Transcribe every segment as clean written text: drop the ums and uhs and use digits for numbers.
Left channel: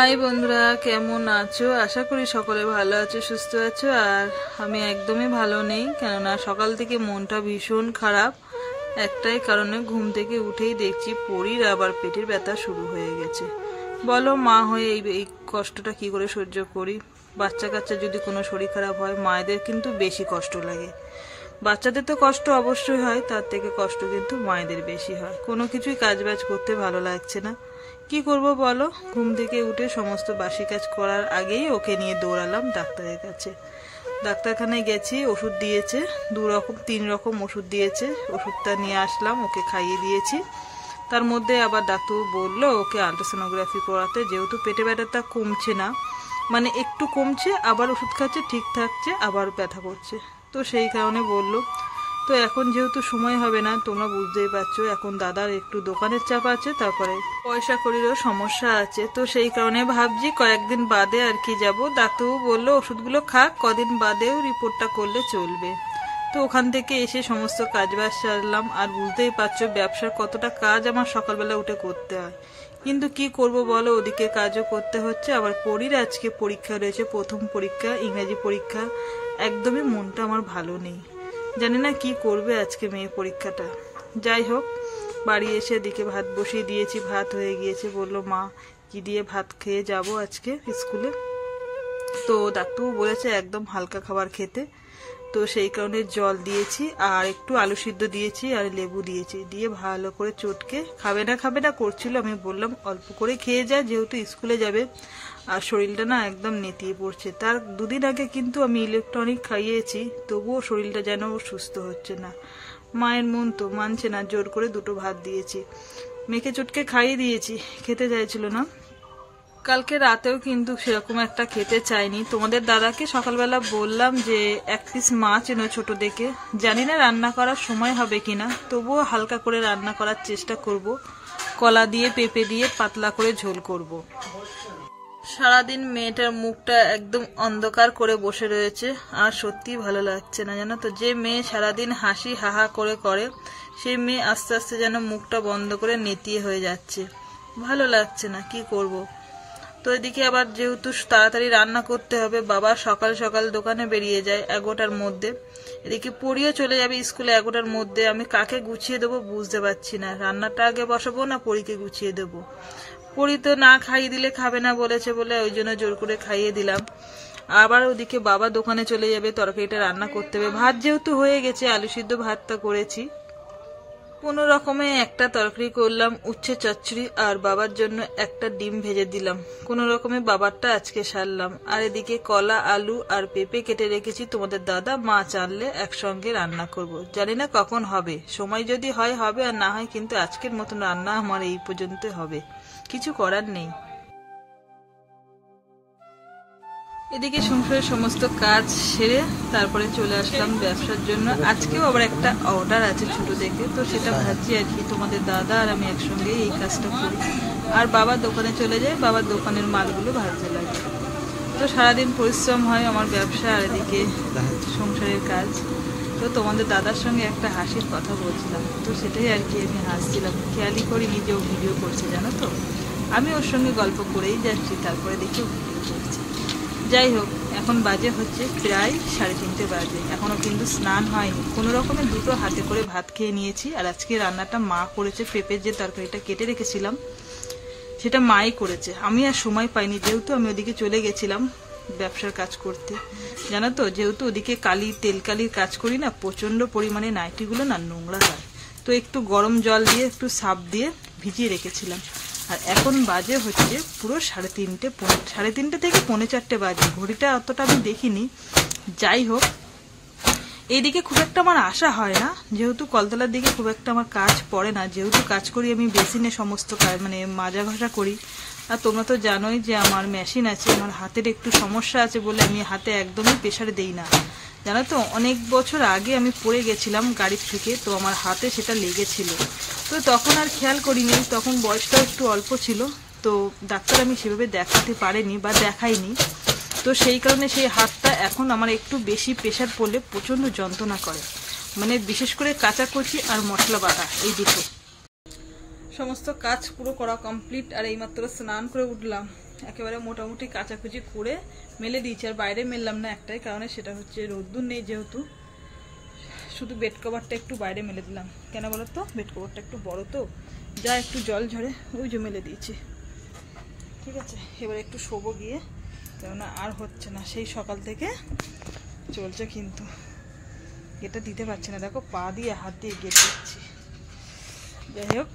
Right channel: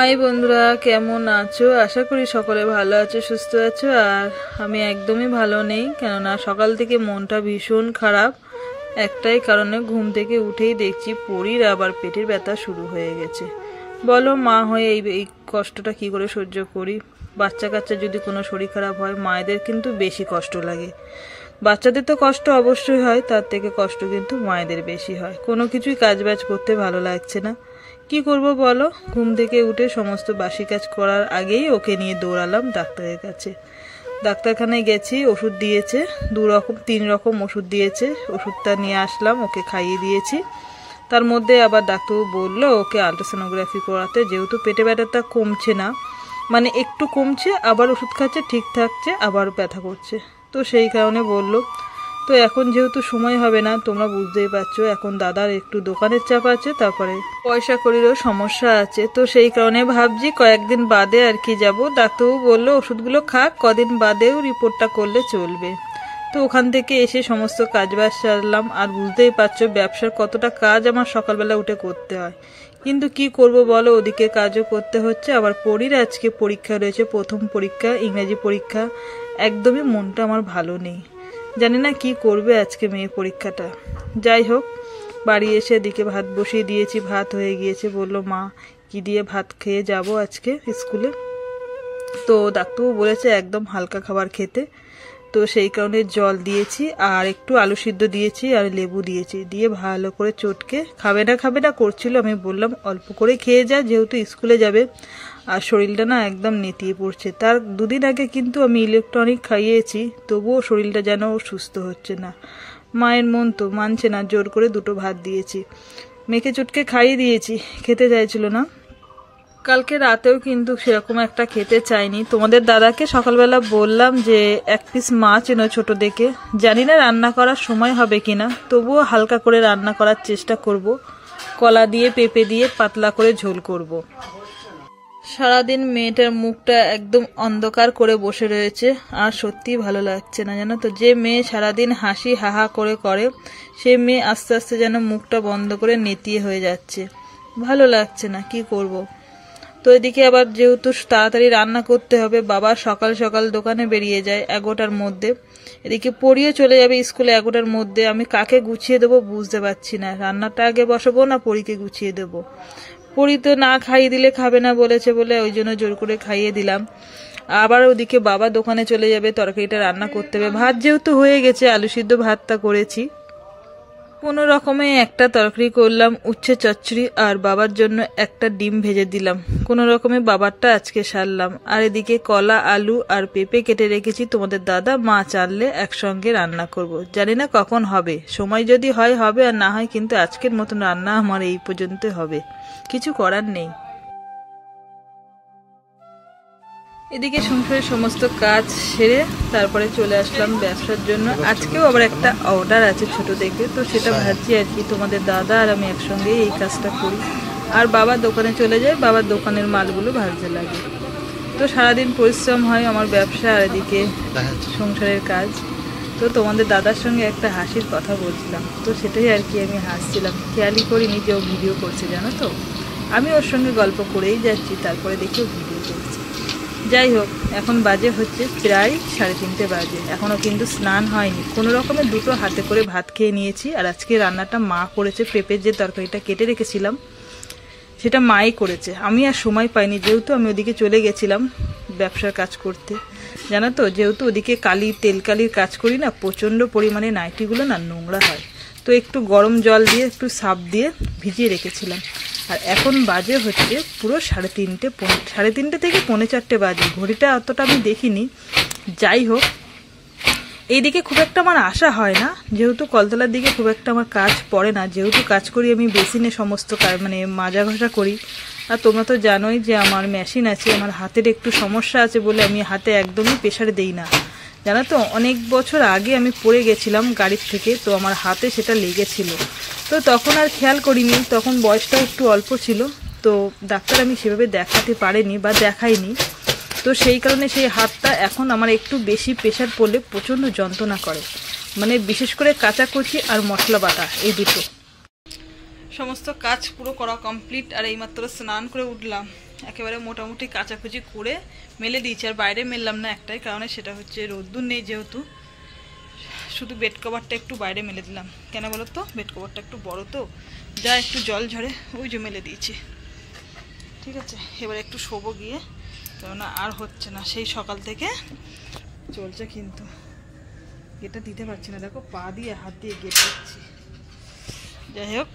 High বন্ধুরা, কেমন আছো? আশা করি সকলে ভালো আছো, সুস্থ আছো। আর আমি একদমই ভালো নেই, কেননা সকাল থেকে মনটা ভীষণ খারাপ। একটাই কারণে, ঘুম থেকে উঠেই দেখছি পরীর আবার পেটের ব্যথা শুরু হয়ে গেছে। বলো, মা হয়ে এই কষ্টটা কি করে সহ্য করি? বাচ্চা কাচ্চা যদি কোনো শরীর খারাপ হয়, মায়েদের কিন্তু বেশি কষ্ট লাগে। বাচ্চাদের তো কষ্ট অবশ্যই হয়, তার থেকে কষ্ট কিন্তু মায়েদের বেশি হয়। কোনো কিছুই কাজবাজ করতে ভালো লাগছে না। কি করব বলো? ঘুম থেকে উঠে সমস্ত বাসি কাজ করার আগেই ওকে নিয়ে দৌড়ালাম ডাক্তারের কাছে। ডাক্তারখানায় গেছি, ওষুধ দিয়েছে, 3 রকম ওষুধ দিয়েছে। ওষুধটা নিয়ে আসলাম, ওকে খাইয়ে দিয়েছি। তার মধ্যে আবার ডাক্তারবাবু বললো ওকে আলট্রাসোনোগ্রাফি করাতে, যেহেতু পেটে ব্যথাটা কমছে না, মানে একটু কমছে, আবার ওষুধ খাচ্ছে, ঠিক থাকছে, আবার ব্যথা করছে। তো সেই কারণে বললো। তো এখন যেহেতু সময় হবে না, তোমরা বুঝতেই পারছো, এখন দাদার একটু দোকানের চাপ আছে, তারপরে পয়সা কড়িরও সমস্যা আছে। তো সেই কারণে ভাবছি কয়েকদিন বাদে আর কি যাবো। ডাক্তারবাবু বললো ওষুধগুলো খাক, কদিন বাদেও রিপোর্টটা করলে চলবে। তো ওখান থেকে এসে সমস্ত কাজবাজ সারলাম। আর বুঝতেই পারছো ব্যবসার কতটা কাজ আমার সকালবেলা উঠে করতে হয়। কিন্তু কি করব বলো, ওদিকে কাজও করতে হচ্ছে। আবার পরীর আজকে পরীক্ষা রয়েছে, প্রথম পরীক্ষা, ইংরেজি পরীক্ষা। একদমই মনটা আমার ভালো নেই, জানি না কি করবে আজকে মেয়ের পরীক্ষাটা। যাই হোক, বাড়ি এসে এদিকে ভাত বসিয়ে দিয়েছি, ভাত হয়ে গিয়েছে। বললো মা কি দিয়ে ভাত খেয়ে যাব আজকে স্কুলে। তো ডাক্তারবাবু বলেছে একদম হালকা খাবার খেতে। তো সেই কারণে জল দিয়েছি, আর একটু আলু সিদ্ধ দিয়েছি, আর লেবু দিয়েছি, দিয়ে ভালো করে চটকে খাবে না করছিল। আমি বললাম অল্প করে খেয়ে যা, যেহেতু স্কুলে যাবে। আর শরীরটা না একদম নেতিয়ে পড়ছে। তার 2 দিন আগে কিন্তু আমি ইলেকট্রনিক খাইয়েছি, তবুও শরীরটা যেন সুস্থ হচ্ছে না। মায়ের মন তো মানছে না, জোর করে 2টো ভাত দিয়েছি, মেখে চটকে খাইয়ে দিয়েছি, খেতে চাইছিল না। কালকে রাতেও কিন্তু সেরকম একটা খেতে চাইনি। তোমাদের দাদাকে সকালবেলা বললাম যে 1 পিস মাছ এনো ছোট দেখে। জানি না রান্না করার সময় হবে কিনা, তবুও হালকা করে রান্না করার চেষ্টা করব। কলা দিয়ে পেঁপে দিয়ে পাতলা করে ঝোল করব। সারাদিন মেয়েটার মুখটা একদম অন্ধকার করে বসে রয়েছে, আর সত্যি ভালো লাগছে না, জানো তো। যে মেয়ে সারাদিন হাসি হাহা করে করে, সে মেয়ে আস্তে আস্তে যেন মুখটা বন্ধ করে নেতিয়ে হয়ে যাচ্ছে। ভালো লাগছে না, কি করব। তো এদিকে আবার যেহেতু তাড়াতাড়ি রান্না করতে হবে, বাবা সকাল সকাল দোকানে বেরিয়ে যায় 11টার মধ্যে। এদিকে পড়িয়ে চলে যাবে স্কুলে 11টার মধ্যে। আমি কাকে গুছিয়ে দেবো বুঝতে পারছি না, রান্নাটা আগে বসাবো না পরীকে গুছিয়ে দেবো। পরী তো না খাইয়ে দিলে খাবে না বলেছে বলে ওই জন্য জোর করে খাইয়ে দিলাম। আবার ওদিকে বাবা দোকানে চলে যাবে, তরকারিটা রান্না করতে হবে। ভাত যেহেতু হয়ে গেছে, আলু সিদ্ধ ভাতটা করেছি। কোনো রকমে একটা তরকারি করলাম, উচ্ছে চচ্চড়ি, আর বাবার জন্য একটা ডিম ভেজে দিলাম। কোনো রকমে বাবারটা আজকে সারলাম। আর এদিকে কলা, আলু আর পেঁপে কেটে রেখেছি। তোমাদের দাদা মাছ আনলে একসঙ্গে রান্না করব। জানি না কখন হবে, সময় যদি হয় হবে, আর না হয় কিন্তু আজকের মতন রান্না আমার এই পর্যন্ত হবে, কিছু করার নেই। এদিকে সংসারের সমস্ত কাজ সেরে তারপরে চলে আসলাম ব্যবসার জন্য। আজকেও আবার একটা অর্ডার আছে ছোট দেখে, তো সেটা ভাবছি আর কি তোমাদের দাদা আর আমি একসঙ্গে এই কাজটা করি। আর বাবা দোকানে চলে যায়, বাবার দোকানের মালগুলো ভাজতে লাগে। তো সারাদিন পরিশ্রম হয় আমার ব্যবসা আর এদিকে সংসারের কাজ। তো তোমাদের দাদার সঙ্গে একটা হাসির কথা বলছিলাম, তো সেটাই আর কি আমি হাসছিলাম, খেয়ালই করিনি যে ও ভিডিও করছে, জানো তো। আমি ওর সঙ্গে গল্প করেই যাচ্ছি, তারপরে দেখে ভিডিও করছি। যাই হোক, এখন বাজে হচ্ছে প্রায় 3:30 বাজে, এখনো কিন্তু স্নান হয়নি। কোনো রকমের 2টো হাতে করে ভাত খেয়ে নিয়েছি। আর আজকে রান্নাটা মা করেছে, পেঁপের যে তরকারিটা কেটে রেখেছিলাম সেটা মাই করেছে। আমি আর সময় পাইনি, যেহেতু আমি ওদিকে চলে গেছিলাম ব্যবসার কাজ করতে, জানো তো। যেহেতু ওদিকে তেলকালির কাজ করি না, প্রচন্ড পরিমাণে নাইটিগুলো না নোংরা হয়। তো একটু গরম জল দিয়ে একটু সার্ফ দিয়ে ভিজিয়ে রেখেছিলাম। আর এখন বাজে হচ্ছে পুরো 3:30 থেকে 3:45 বাজে। ঘড়িটা অতটা আমি দেখিনি। যাই হোক, এইদিকে খুব একটা আমার আসা হয় না, যেহেতু কলতলার দিকে খুব একটা আমার কাজ পড়ে না। যেহেতু কাজ করি আমি বেসিনে সমস্ত মানে মাজা ঘষা করি। আর তোমরা তো জানোই যে আমার মেশিন আছে, আমার হাতের একটু সমস্যা আছে বলে আমি হাতে একদমই প্রেসার দেই না, জানো তো। অনেক বছর আগে আমি পড়ে গেছিলাম গাড়ির থেকে, তো আমার হাতে সেটা লেগেছিল। তো তখন আর খেয়াল করিনি, তখন বয়সটাও একটু অল্প ছিল। তো ডাক্তার আমি সেভাবে দেখাতে পারিনি বা দেখাইনি। তো সেই কারণে সেই হাতটা এখন আমার একটু বেশি প্রেসার পড়লে প্রচণ্ড যন্ত্রণা করে, মানে বিশেষ করে কাচাকুচি আর মশলা বাটা, এই দুটো। সমস্ত কাজ পুরো করা কমপ্লিট। আর এইমাত্র স্নান করে উঠলাম। একেবারে মোটামুটি কাচাকুচি করে মেলে দিয়েছি। আর বাইরে মেললাম না একটাই কারণে, সেটা হচ্ছে রোদ্দুর নেই যেহেতু, শুধু বেড কভারটা একটু বাইরে মেলে দিলাম। কেন বলো তো, বেড কভারটা একটু বড় তো, যা একটু জল ঝরে ওই যে মেলে দিয়েছি। ঠিক আছে, এবার একটু শোবো গিয়ে, কেননা আর হচ্ছে না, সেই সকাল থেকে চলছে। কিন্তু এটা দিতে পারছি না, দেখো পা দিয়ে হাত দিয়ে গেট দিচ্ছি। যাই হোক,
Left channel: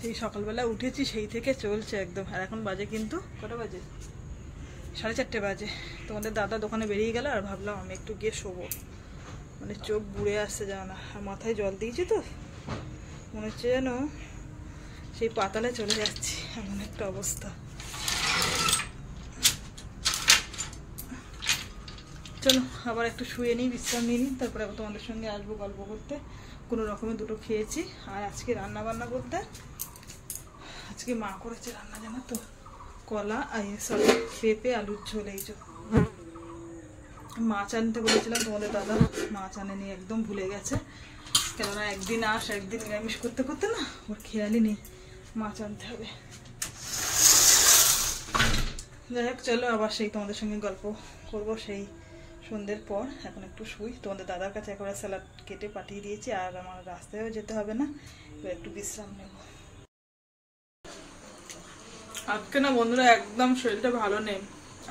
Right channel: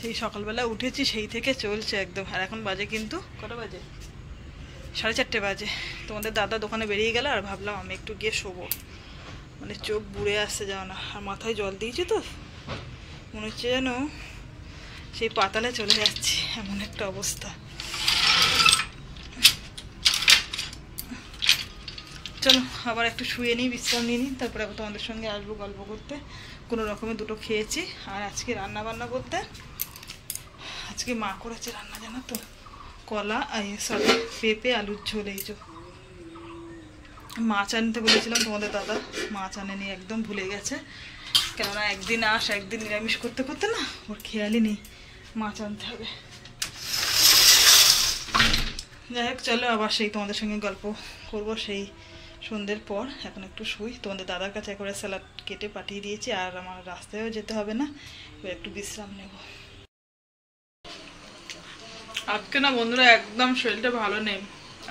সেই সকালবেলা উঠেছি সেই থেকে চলছে একদম। আর এখন বাজে কিন্তু কটা বাজে, 4:30 বাজে। তোমাদের দাদা দোকানে বেরিয়ে গেল আর ভাবলাম আমি একটু গিয়ে শোবো, মানে চোখ বুড়ে আসছে যাও না। আর মাথায় জল দিয়েছি তো, মনে হচ্ছে যেন সেই পাতালে চলে যাচ্ছি, এমন একটা অবস্থা। চলো আবার একটু শুয়ে নিই, বিশ্রাম নিয়ে নিই, তারপরে আবার তোমাদের সঙ্গে আসবো গল্প করতে। কোনো রকমে দুটো খেয়েছি। আর আজকে রান্না বান্না করতে, আজকে মা করেছে রান্না জানো তো, কলা সরি পেঁপে আলুর ঝোল। এই যে মাছ আনতে বলেছিলাম তোমাদের দাদা, মাছ আনেনি, একদম ভুলে গেছে। কেননা একদিন একদিন নিরামিষ করতে করতে না ওর খেয়ালই নেই মাছ আনতে হবে। যাই হোক চলো আবার সেই তোমাদের সঙ্গে গল্প করব সেই সন্ধ্যের পর। এখন একটু শুই। তোমাদের দাদার কাছে একবারে স্যালাড কেটে পাঠিয়ে দিয়েছি, আর আমার রাস্তায়ও যেতে হবে না, এবার একটু বিশ্রাম নেব। আজকে না বন্ধুরা একদম শরীরটা ভালো নেই,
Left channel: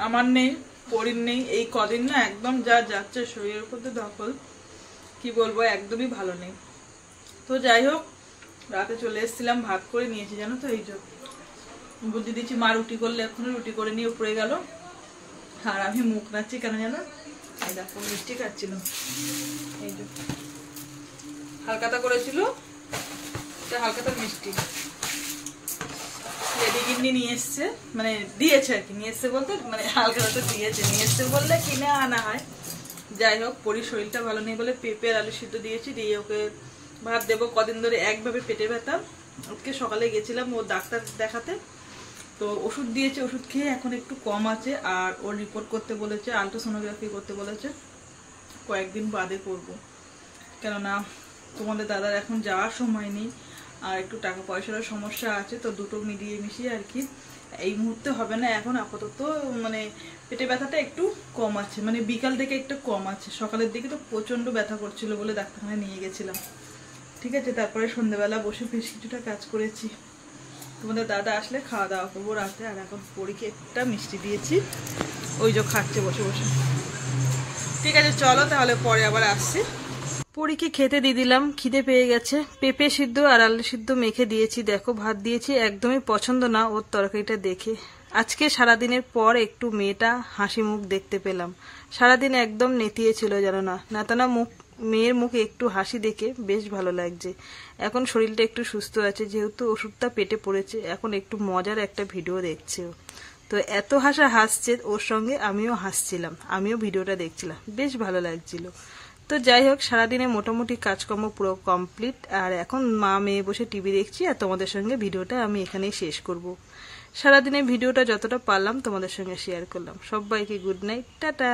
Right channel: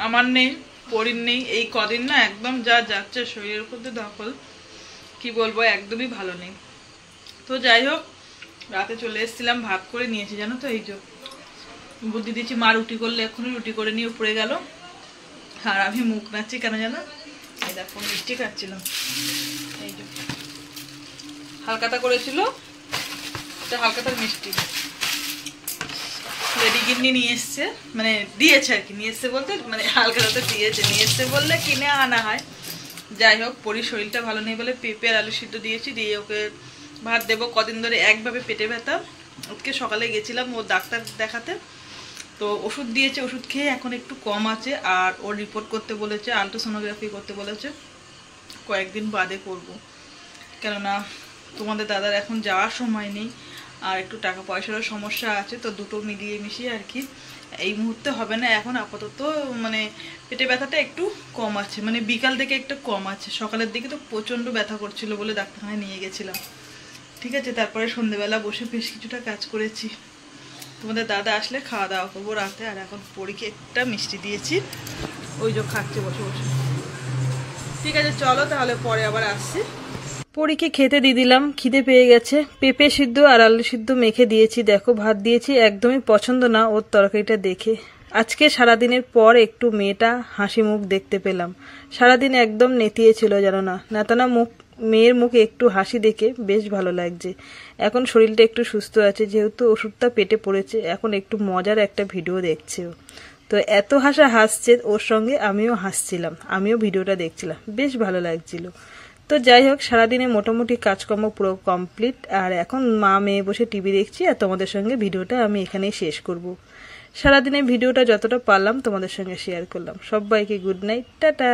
আমার নেই, পরির নেই। এই কদিন না একদম যা যাচ্ছে শরীরের উপর দিয়ে দখল, কি বলবো, একদমই ভালো নেই। তো যাই হোক, রাতে চলে এসেছিলাম, ভাত করে নিয়েছি জানো তো। এই যে বুদ্ধি দিচ্ছি, মা রুটি করলে এখনই রুটি করে নিয়ে উপরে গেল, আর আমি মুখ নাচ্ছি কেন জানো, এই দেখো মিষ্টি খাচ্ছিলাম। এই যে হালকাতা করেছিল, হালকাতা মিষ্টি রেডি গিন্নি নিয়ে এসছে, মানে দিয়েছে আর কি, নিয়ে এসছে বলতে মানে হালকাতা দিয়েছে, নিয়ে এসছে বললে কিনে আনা হয়। যাই হোক, পরির শরীরটা ভালো নেই বলে পেঁপে আর আলু সিদ্ধ দিয়েছি, দিয়ে ওকে ভাত দেবো। কদিন ধরে একভাবে পেটে ব্যথা। আজকে সকালে গেছিলাম ও ডাক্তার দেখাতে, তো ওষুধ দিয়েছে, ওষুধ খেয়ে এখন একটু কম আছে। আর ওর রিপোর্ট করতে বলেছে, আলট্রাসোনোগ্রাফি করতে বলেছে, কয়েকদিন বাদে করব। কেননা তোমাদের দাদার এখন যাওয়ার সময় নেই, আর একটু টাকা পয়সারও সমস্যা আছে, তো দুটো মিলিয়ে মিশিয়ে আর কি এই মুহূর্তে হবে না। এখন আপাতত মানে পেটে ব্যথাটা একটু কম আছে, মানে বিকাল থেকে একটু কম আছে, সকালের দিকে তো প্রচণ্ড ব্যথা করছিল বলে ডাক্তারখানায় নিয়ে গেছিলাম। ঠিক আছে, তারপরে সন্ধ্যেবেলা বসে বেশ কিছুটা কাজ করেছি। তোমাদের দাদা আসলে খাওয়া দাওয়া করবো রাতে। আর এখন পরীকে একটা মিষ্টি দিয়েছি, ওই যে খাচ্ছে বসে বসে। ঠিক আছে চলো তাহলে, পরে আবার আসছি। পরীকে খেতে দিয়ে দিলাম, খিদে পেয়ে গেছে। পেঁপে সিদ্ধ আর আলু সিদ্ধ মেখে দিয়েছি, দেখো ভাত দিয়েছি, একদমই পছন্দ না ওর তরকারিটা দেখে। আজকে সারাদিনের পর একটু মেয়েটা হাসি মুখ দেখতে পেলাম, সারাদিন একদম নেতিয়ে ছিল জানো না, নেতানা মেয়ের মুখে একটু হাসি দেখে বেশ ভালো লাগছে। এখন শরীরটা একটু সুস্থ আছে, যেহেতু ওষুধটা পেটে পড়েছে, এখন একটু মজার একটা ভিডিও দেখছে ও। তো এত হাসছে ওর সঙ্গে, আমিও হাসছিলাম, আমিও ভিডিওটা দেখছিলাম, বেশ ভালো লাগছিল। তো যাই হোক, সারাদিনে মোটামুটি কাজকর্ম পুরো কমপ্লিট। আর এখন মা মেয়ে বসে টিভি দেখছি, আর তোমাদের সঙ্গে ভিডিওটা আমি এখানেই শেষ করব। সারাদিনে ভিডিওটা যতটা পারলাম তোমাদের সঙ্গে শেয়ার করলাম। সবাইকে গুড নাইট, টাটা।